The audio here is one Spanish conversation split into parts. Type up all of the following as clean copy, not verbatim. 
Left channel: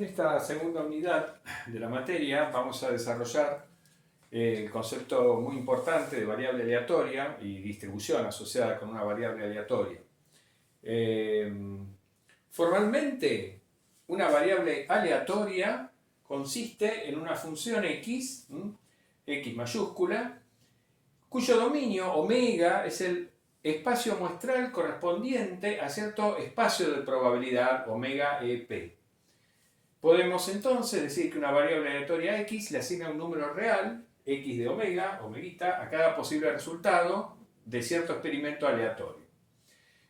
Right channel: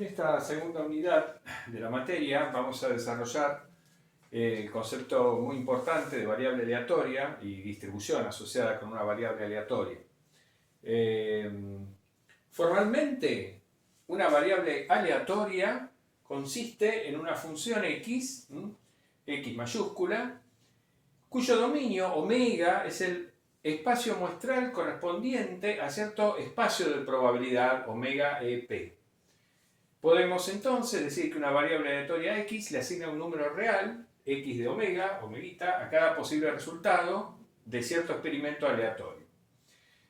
En esta segunda unidad de la materia vamos a desarrollar el concepto muy importante de variable aleatoria y distribución asociada con una variable aleatoria. Formalmente, una variable aleatoria consiste en una función x, x mayúscula, cuyo dominio omega es el espacio muestral correspondiente a cierto espacio de probabilidad omega EP. Podemos entonces decir que una variable aleatoria x le asigna un número real, x de omega, omeguita, a cada posible resultado de cierto experimento aleatorio.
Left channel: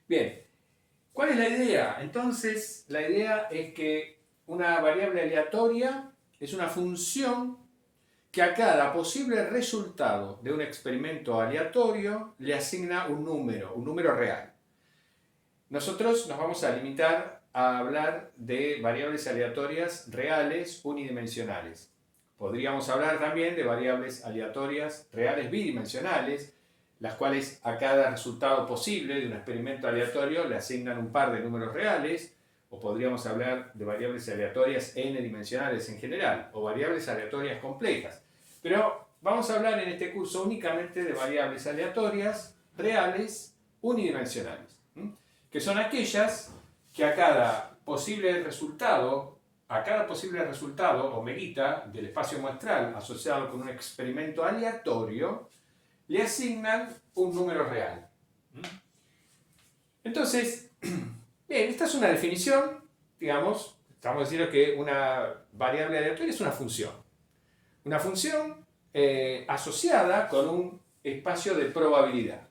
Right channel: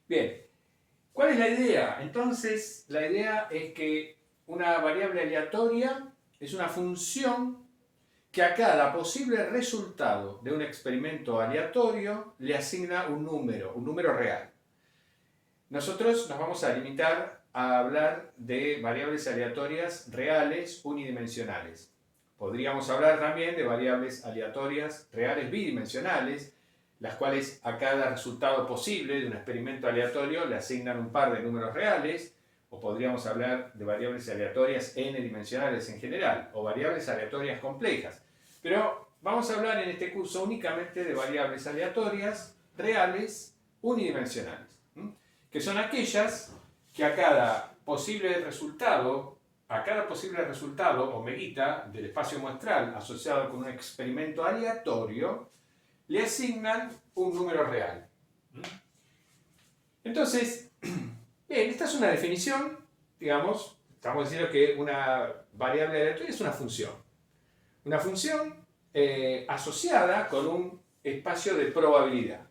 Bien, ¿cuál es la idea? Entonces, la idea es que una variable aleatoria es una función que a cada posible resultado de un experimento aleatorio le asigna un número real. Nosotros nos vamos a limitar a hablar de variables aleatorias reales unidimensionales. Podríamos hablar también de variables aleatorias reales bidimensionales, las cuales a cada resultado posible de un experimento aleatorio le asignan un par de números reales, o podríamos hablar de variables aleatorias n-dimensionales en general, o variables aleatorias complejas. Pero vamos a hablar en este curso únicamente de variables aleatorias reales unidimensionales, que son aquellas que a cada posible resultado omeguita del espacio muestral asociado con un experimento aleatorio, le asignan un número real. Entonces, bien, esta es una definición, digamos, estamos diciendo que una variable aleatoria es una función. Una función asociada con un espacio de probabilidad.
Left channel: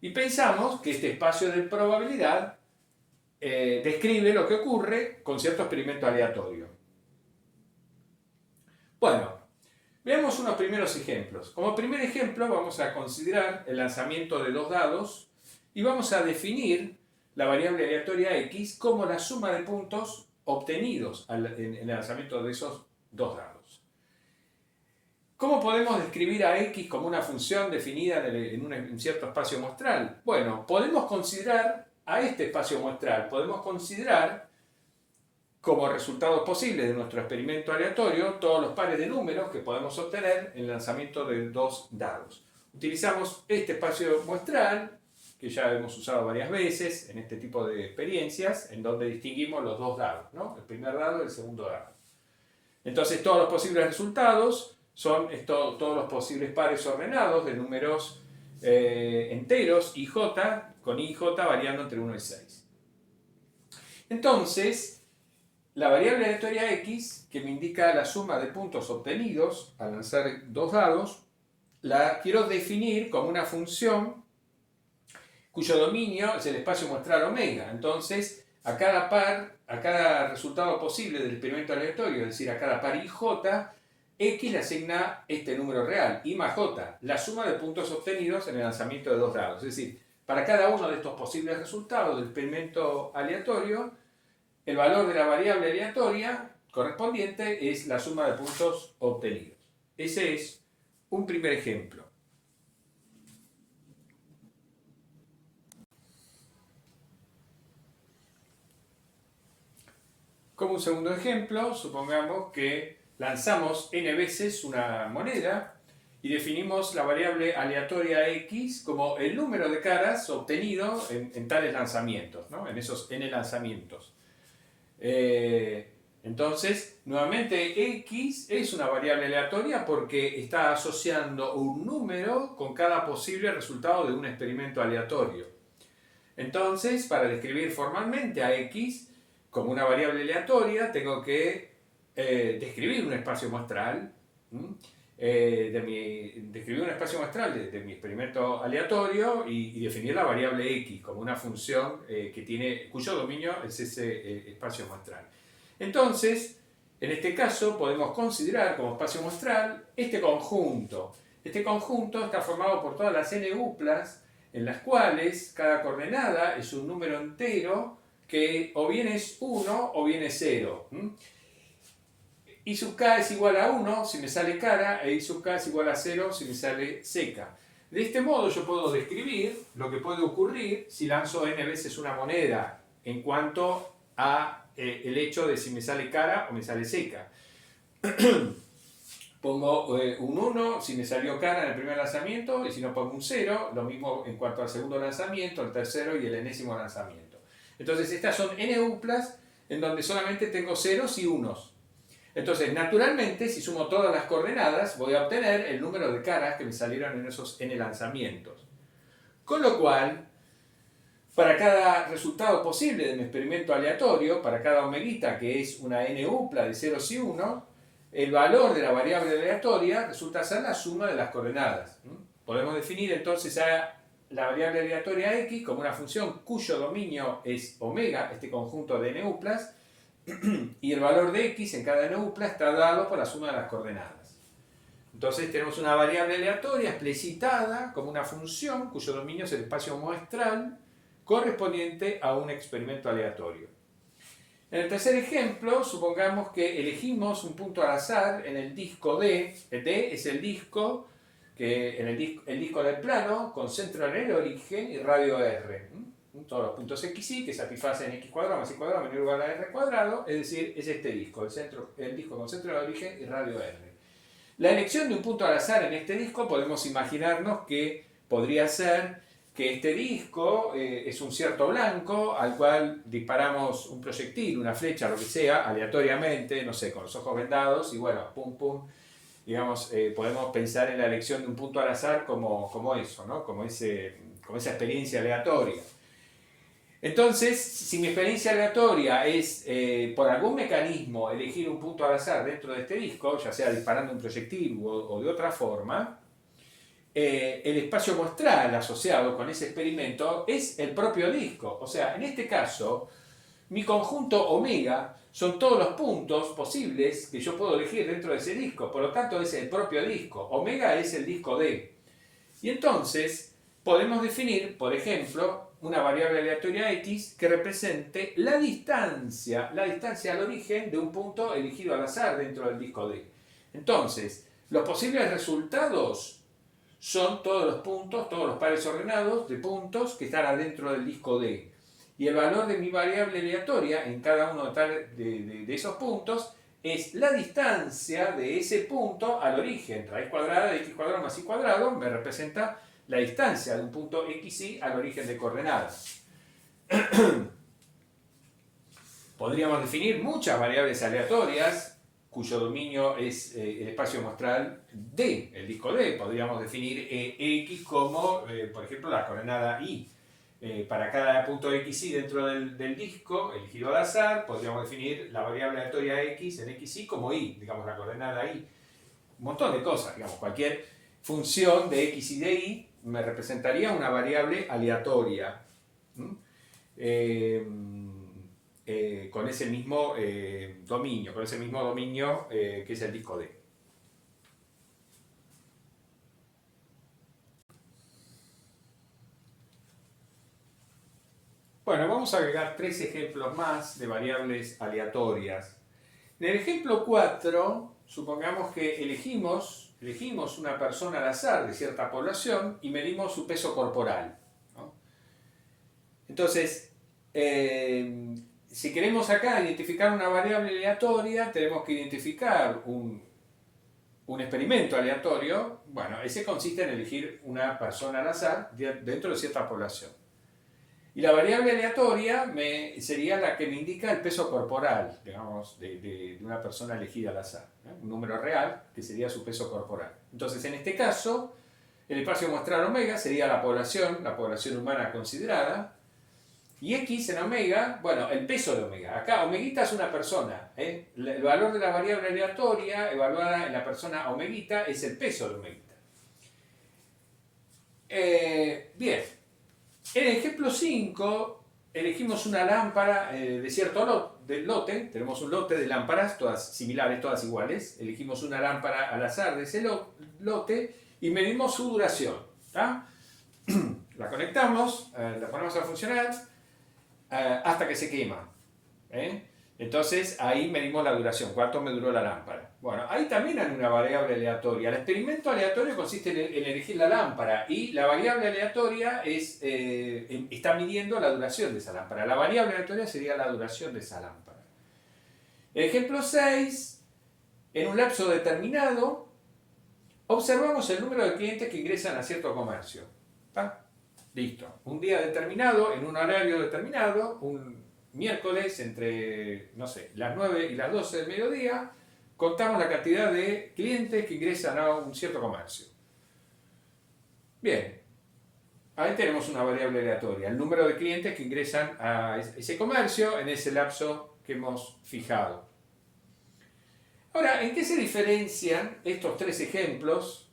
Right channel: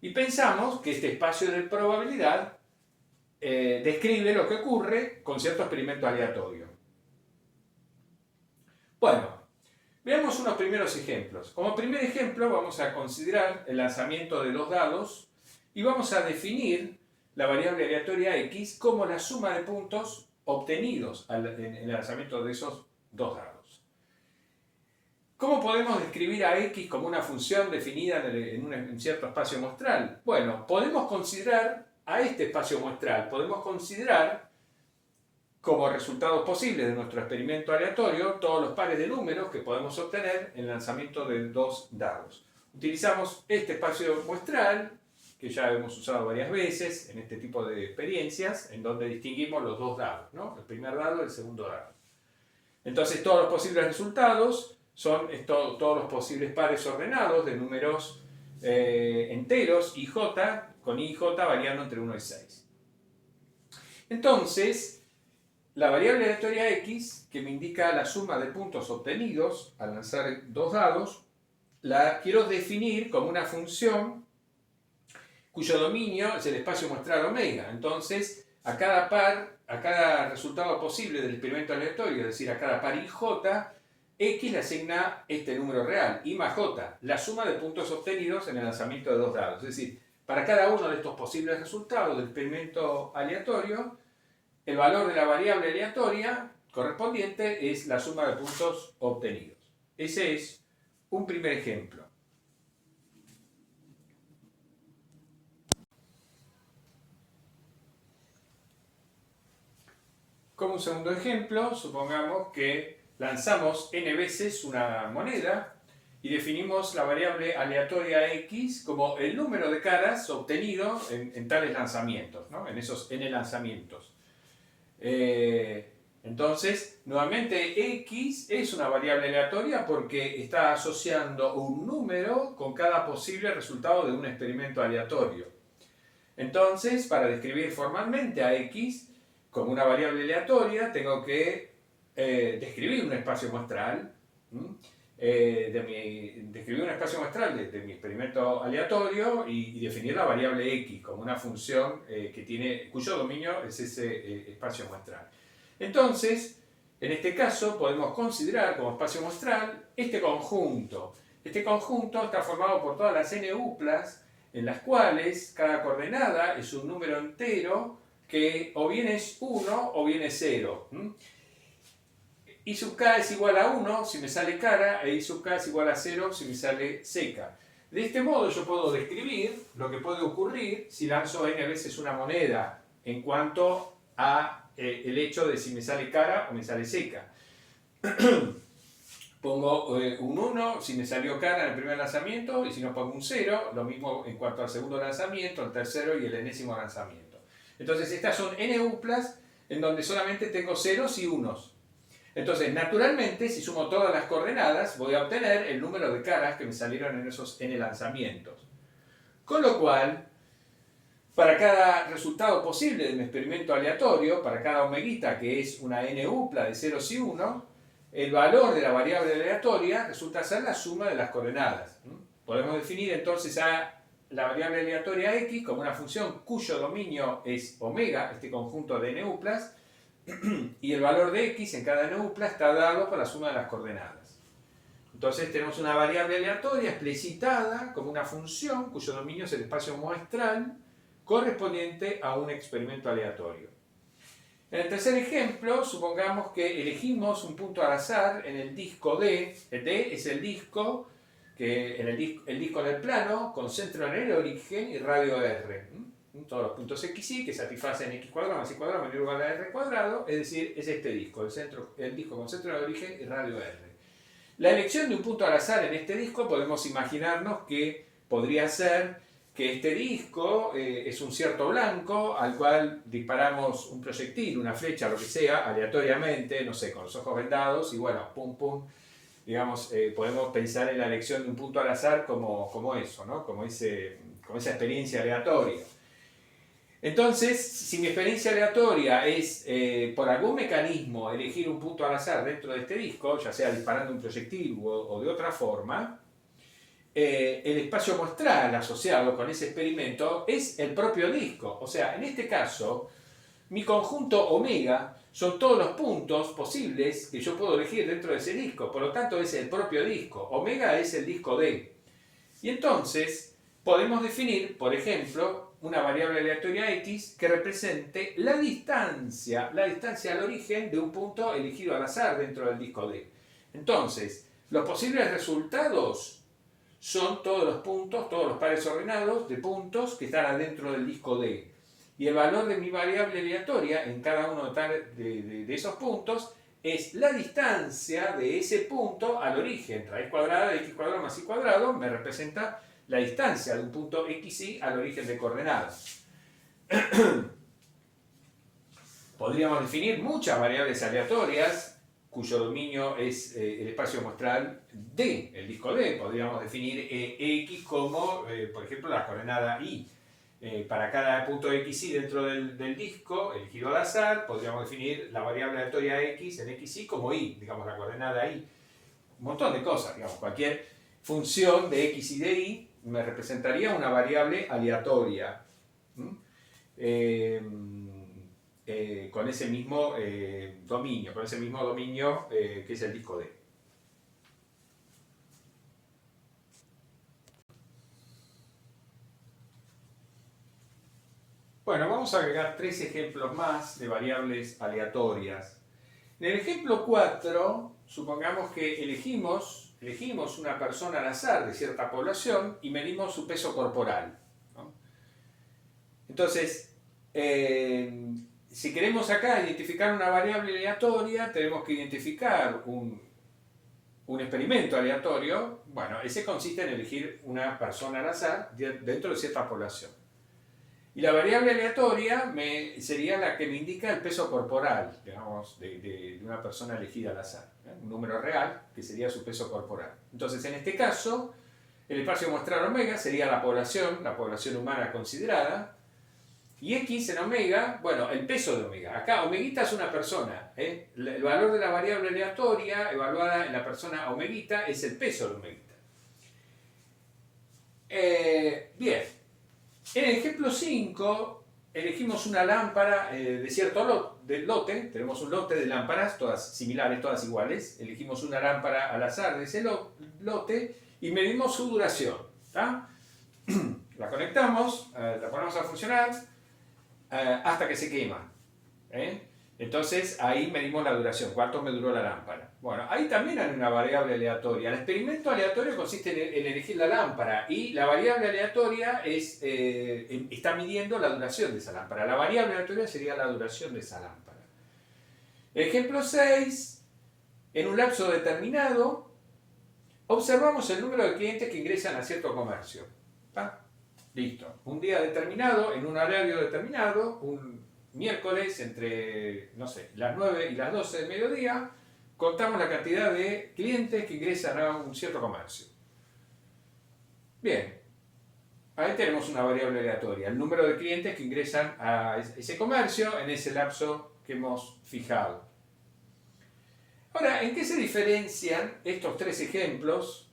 Y pensamos que este espacio de probabilidad describe lo que ocurre con cierto experimento aleatorio. Bueno, veamos unos primeros ejemplos. Como primer ejemplo vamos a considerar el lanzamiento de dos dados y vamos a definir la variable aleatoria x como la suma de puntos obtenidos en el lanzamiento de esos dos dados. ¿Cómo podemos describir a x como una función definida en un cierto espacio muestral? Bueno, podemos considerar a este espacio muestral, podemos considerar como resultados posibles de nuestro experimento aleatorio todos los pares de números que podemos obtener en el lanzamiento de dos dados. Utilizamos este espacio muestral, que ya hemos usado varias veces en este tipo de experiencias, en donde distinguimos los dos dados, ¿no? El primer dado y el segundo dado. Entonces todos los posibles resultados son todos los posibles pares ordenados de números enteros, IJ, con IJ variando entre 1 y 6. Entonces, la variable aleatoria x, que me indica la suma de puntos obtenidos al lanzar dos dados, la quiero definir como una función cuyo dominio es el espacio muestral omega. Entonces, a cada resultado posible del experimento aleatorio, es decir, a cada par IJ, x le asigna este número real, I más j, la suma de puntos obtenidos en el lanzamiento de dos dados. Es decir, para cada uno de estos posibles resultados del experimento aleatorio, el valor de la variable aleatoria correspondiente es la suma de puntos obtenidos. Ese es un primer ejemplo. Como un segundo ejemplo, supongamos que lanzamos n veces una moneda y definimos la variable aleatoria x como el número de caras obtenido en tales lanzamientos, ¿no? En esos n lanzamientos. Entonces, nuevamente x es una variable aleatoria porque está asociando un número con cada posible resultado de un experimento aleatorio. Entonces, para describir formalmente a x como una variable aleatoria, tengo que describir un espacio muestral, describir un espacio muestral de mi experimento aleatorio y definir la variable x como una función cuyo dominio es ese espacio muestral. Entonces, en este caso podemos considerar como espacio muestral este conjunto. Este conjunto está formado por todas las n uplas en las cuales cada coordenada es un número entero que o bien es 1 o bien es 0. I sub k es igual a 1 si me sale cara e I sub k es igual a 0 si me sale seca. De este modo yo puedo describir lo que puede ocurrir si lanzo n veces una moneda en cuanto a el hecho de si me sale cara o me sale seca. Pongo un 1 si me salió cara en el primer lanzamiento, y si no pongo un 0, lo mismo en cuanto al segundo lanzamiento, el tercero y el enésimo lanzamiento. Entonces estas son NUPLAs en donde solamente tengo ceros y unos. Entonces, naturalmente, si sumo todas las coordenadas, voy a obtener el número de caras que me salieron en esos N lanzamientos. Con lo cual, para cada resultado posible de mi experimento aleatorio, para cada omeguita, que es una NUPLA de ceros y unos, el valor de la variable aleatoria resulta ser la suma de las coordenadas. Podemos definir entonces a la variable aleatoria x como una función cuyo dominio es omega, este conjunto de NUPLAs, y el valor de x en cada NUPLA está dado por la suma de las coordenadas. Entonces tenemos una variable aleatoria explicitada como una función cuyo dominio es el espacio muestral correspondiente a un experimento aleatorio. En el tercer ejemplo, supongamos que elegimos un punto al azar en el disco D. El D es el disco, el disco del plano, con centro en el origen y radio R. Todos los puntos xy que satisfacen x cuadrado más y cuadrado menor o igual a r cuadrado, es decir, es este disco, el disco con centro en el origen y radio R. La elección de un punto al azar en este disco podemos imaginarnos que podría ser que este disco es un cierto blanco al cual disparamos un proyectil, una flecha, lo que sea, aleatoriamente, no sé, con los ojos vendados y bueno, pum pum, digamos, podemos pensar en la elección de un punto al azar como eso, ¿no? Como esa experiencia aleatoria. Entonces, si mi experiencia aleatoria es por algún mecanismo elegir un punto al azar dentro de este disco, ya sea disparando un proyectil o de otra forma, el espacio muestral asociado con ese experimento es el propio disco. O sea, en este caso, mi conjunto omega son todos los puntos posibles que yo puedo elegir dentro de ese disco. Por lo tanto, es el propio disco. Omega es el disco D. Y entonces, podemos definir, por ejemplo, una variable aleatoria x que represente la distancia al origen de un punto elegido al azar dentro del disco D. Entonces, los posibles resultados son todos los puntos, todos los pares ordenados de puntos que están adentro del disco D. Y el valor de mi variable aleatoria en cada uno de esos puntos es la distancia de ese punto al origen. Raíz cuadrada de x cuadrado más y cuadrado me representa la distancia de un punto xy al origen de coordenadas. Podríamos definir muchas variables aleatorias cuyo dominio es el espacio muestral D, el disco D. Podríamos definir x como, por ejemplo, la coordenada y. Para cada punto xy dentro del disco elegido al azar, podríamos definir la variable aleatoria x en xy como y, digamos la coordenada y. Un montón de cosas, digamos, cualquier función de x y de y me representaría una variable aleatoria. Con ese mismo dominio, que es el disco D. Bueno, vamos a agregar 3 ejemplos más de variables aleatorias. En el ejemplo 4, supongamos que elegimos una persona al azar de cierta población y medimos su peso corporal, ¿no? Entonces, si queremos acá identificar una variable aleatoria, tenemos que identificar un experimento aleatorio. Bueno, ese consiste en elegir una persona al azar dentro de cierta población. Y la variable aleatoria sería la que me indica el peso corporal, digamos, de una persona elegida al azar, ¿no? Un número real que sería su peso corporal. Entonces, en este caso, el espacio muestral omega sería la población humana considerada, y x en omega, bueno, el peso de omega. Acá omeguita es una persona, ¿eh? El valor de la variable aleatoria evaluada en la persona omeguita es el peso de omeguita. Bien. En el ejemplo 5, elegimos una lámpara de cierto lote. Tenemos un lote de lámparas, todas similares, todas iguales. Elegimos una lámpara al azar de ese lote y medimos su duración, ¿tá? La conectamos, la ponemos a funcionar hasta que se quema, ¿eh? Entonces ahí medimos la duración, cuánto me duró la lámpara. Bueno, ahí también hay una variable aleatoria. El experimento aleatorio consiste en elegir la lámpara y la variable aleatoria está midiendo la duración de esa lámpara. La variable aleatoria sería la duración de esa lámpara. Ejemplo 6. En un lapso determinado, observamos el número de clientes que ingresan a cierto comercio. ¿Está? Listo. Un día determinado, en un horario determinado, un miércoles entre, no sé, las 9 y las 12 del mediodía, contamos la cantidad de clientes que ingresan a un cierto comercio. Bien, ahí tenemos una variable aleatoria, el número de clientes que ingresan a ese comercio en ese lapso que hemos fijado. Ahora, ¿en qué se diferencian estos tres ejemplos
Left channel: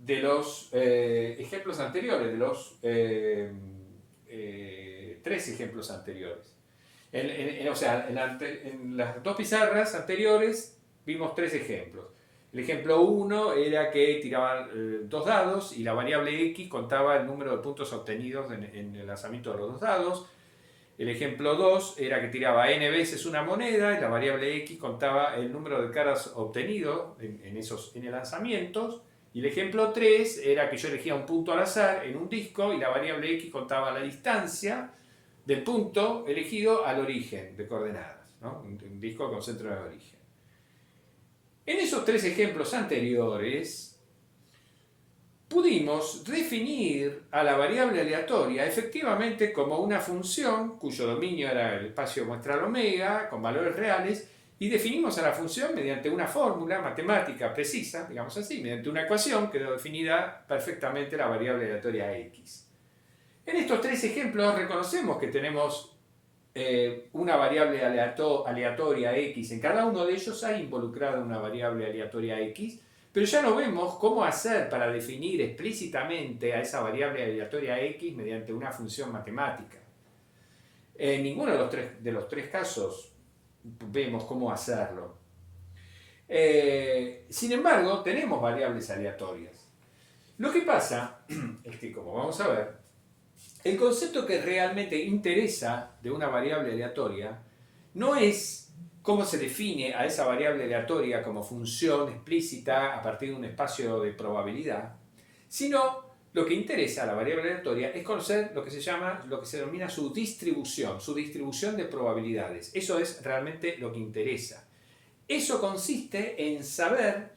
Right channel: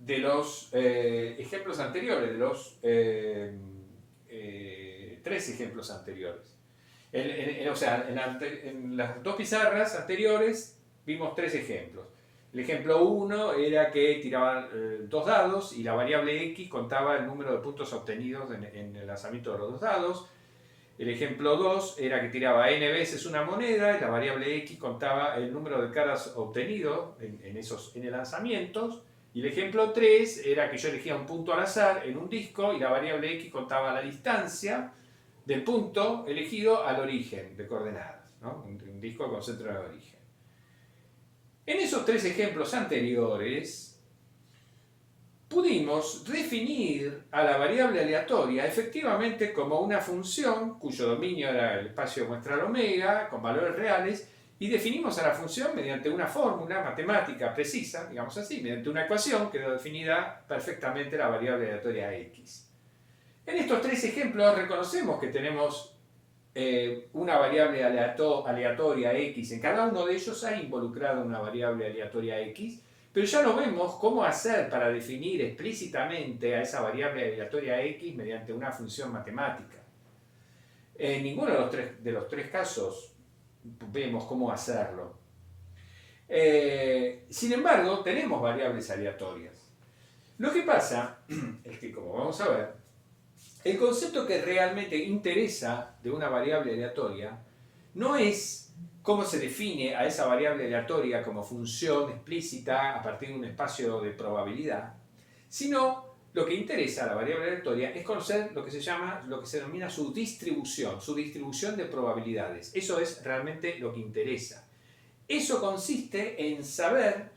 de los ejemplos anteriores, de los tres ejemplos anteriores? En las dos pizarras anteriores vimos tres ejemplos. El ejemplo 1 era que tiraban dos dados y la variable x contaba el número de puntos obtenidos en el lanzamiento de los dos dados. El ejemplo 2 era que tiraba n veces una moneda y la variable x contaba el número de caras obtenido en esos n lanzamientos. Y el ejemplo 3 era que yo elegía un punto al azar en un disco y la variable x contaba la distancia del punto elegido al origen de coordenadas, ¿no? Un disco con centro de origen. En esos tres ejemplos anteriores, pudimos definir a la variable aleatoria efectivamente como una función cuyo dominio era el espacio muestral omega, con valores reales, y definimos a la función mediante una fórmula matemática precisa, digamos así, mediante una ecuación que quedó definida perfectamente la variable aleatoria x. En estos tres ejemplos reconocemos que tenemos una variable aleatoria x. En cada uno de ellos hay involucrada una variable aleatoria x, pero ya no vemos cómo hacer para definir explícitamente a esa variable aleatoria x mediante una función matemática. En ninguno de los tres casos vemos cómo hacerlo. Sin embargo, tenemos variables aleatorias. Lo que pasa es que, como vamos a ver, el concepto que realmente interesa de una variable aleatoria no es cómo se define a esa variable aleatoria como función explícita a partir de un espacio de probabilidad, sino lo que interesa a la variable aleatoria es conocer lo que se denomina su distribución de probabilidades. Eso es realmente lo que interesa. Eso consiste en saber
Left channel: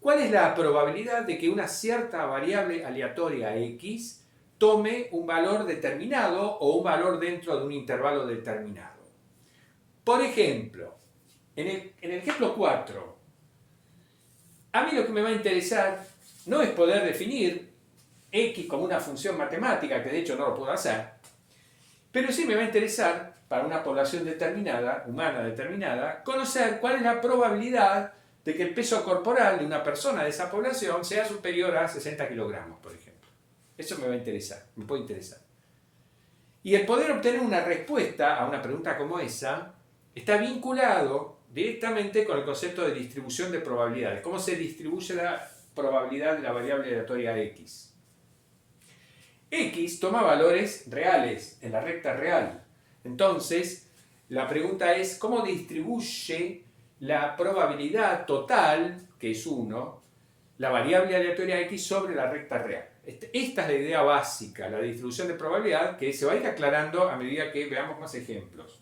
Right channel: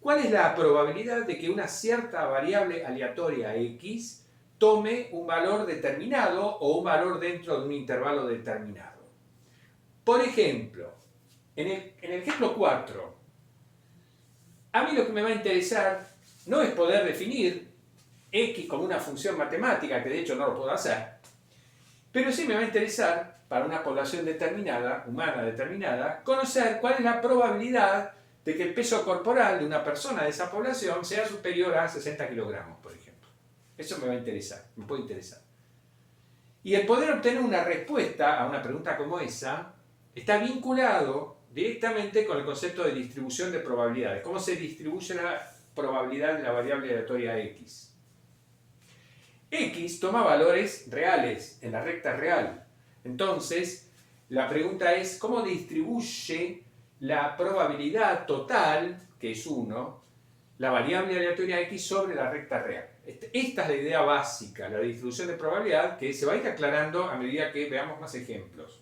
cuál es la probabilidad de que una cierta variable aleatoria x tome un valor determinado o un valor dentro de un intervalo determinado. Por ejemplo, en el ejemplo 4, a mí lo que me va a interesar no es poder definir x como una función matemática, que de hecho no lo puedo hacer, pero sí me va a interesar, para una población determinada, humana determinada, conocer cuál es la probabilidad de que el peso corporal de una persona de esa población sea superior a 60 kilogramos, por ejemplo. Eso me va a interesar, me puede interesar. Y el poder obtener una respuesta a una pregunta como esa está vinculado directamente con el concepto de distribución de probabilidades. ¿Cómo se distribuye la probabilidad de la variable aleatoria x? X toma valores reales en la recta real. Entonces, la pregunta es ¿cómo distribuye la probabilidad total, que es 1, la variable aleatoria x sobre la recta real? Esta es la idea básica, la distribución de probabilidad, que se va a ir aclarando a medida que veamos más ejemplos.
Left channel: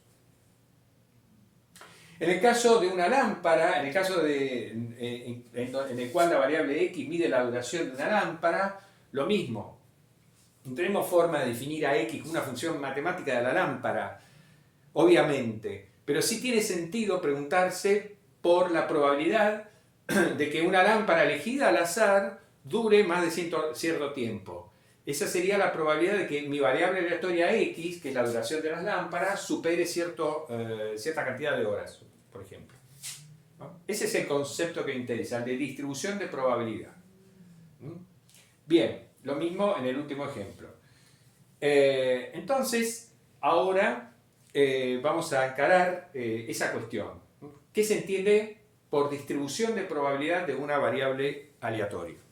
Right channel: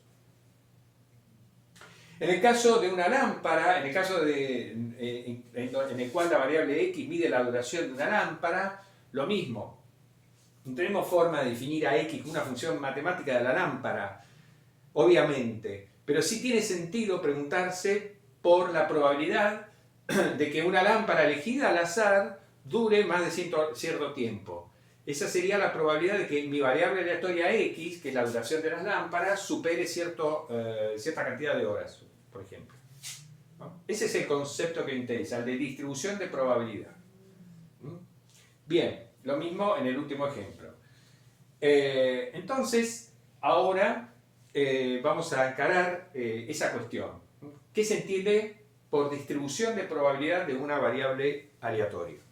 En el caso de una lámpara, en el caso en el cual la variable x mide la duración de una lámpara, lo mismo. No tenemos forma de definir a x como una función matemática de la lámpara, obviamente, pero sí tiene sentido preguntarse por la probabilidad de que una lámpara elegida al azar dure más de cierto tiempo. Esa sería la probabilidad de que mi variable aleatoria x, que es la duración de las lámparas, supere cierta cantidad de horas, por ejemplo. ¿No? Ese es el concepto que interesa, el de distribución de probabilidad. Bien, lo mismo en el último ejemplo. Entonces, ahora vamos a encarar esa cuestión. ¿Qué se entiende por distribución de probabilidad de una variable aleatoria?